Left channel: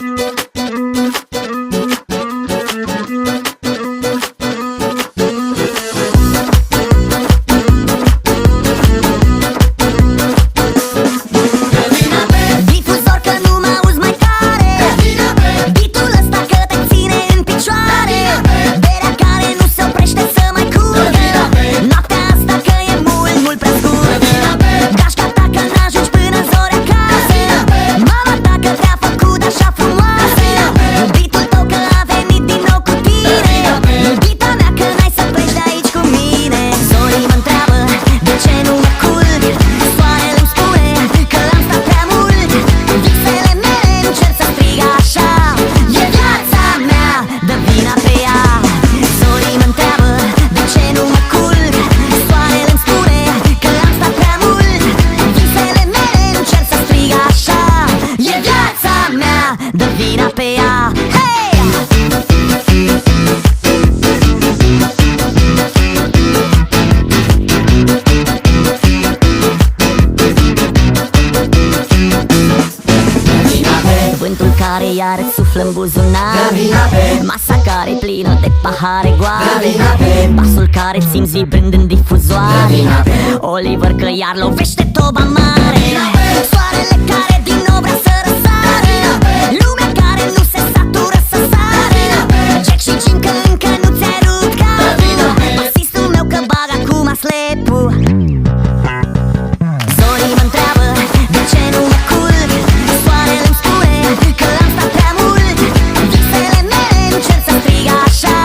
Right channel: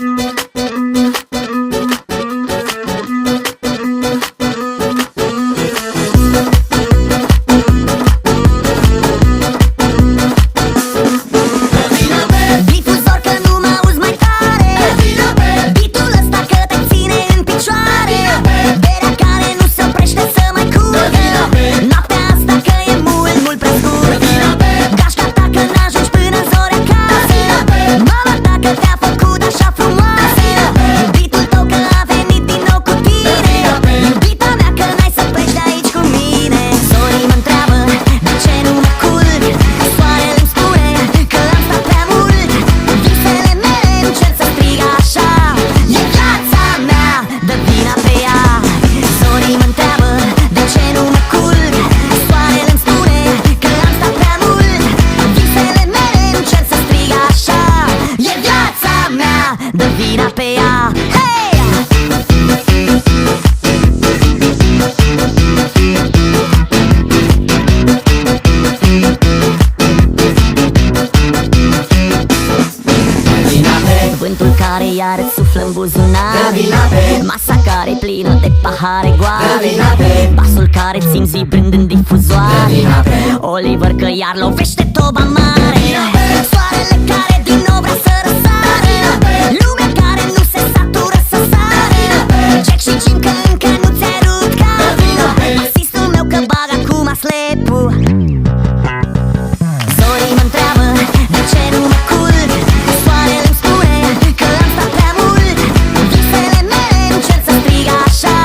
Difuzor că nu mă auzi mai tare, beat-ul ăsta că te ține în picioare, berea care nu se oprește să mai curgă, noaptea asta că e mult, mult prea scurtă. Gașca ta că n-ajungi până în zori acasă, mama ta că te-a făcut așa frumoasă, iubitul tău că a venit din nou cu tine, iubita mea că n-ai să pleci de aici cu mine. Zorii mă întreabă de ce nu mă culc, soarele-mi spune că am stat prea mult, visele mele încerc să strig așa, e viața mea, dă vina pe ea. Zorii mă întreabă de ce nu mă culc, soarele-mi spune că am stat prea mult, visele mele încerc să strig așa, e viața mea, dă vina pe ea. Hey! Vântul care iar îți suflă în buzunare, masa care e plină de pahare goale, basul care ți-mi vibrând în difuzoare, Oliver că iar lovește toba mare, soarele care din nou vrea să răsară, lumea care nu se satură să sară, Jack și Jim că încă nu ți-ai rupt capul, basistul meu că bag acum slepul. Zorii mă întreabă de ce nu mă culc, soarele-mi spune că am stat prea mult, visele mele încerc să strig așa,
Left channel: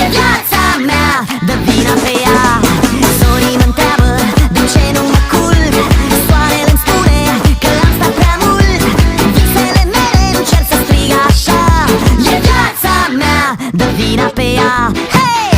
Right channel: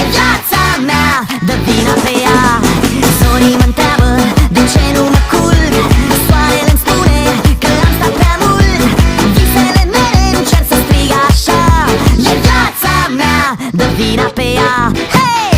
e viața mea, dă vina pe ea. Zorii mă întreabă de ce nu mă culc, soarele-mi spune că am stat prea mult, visele mele încerc să strig așa, e viața mea, dă vina pe ea. Hey!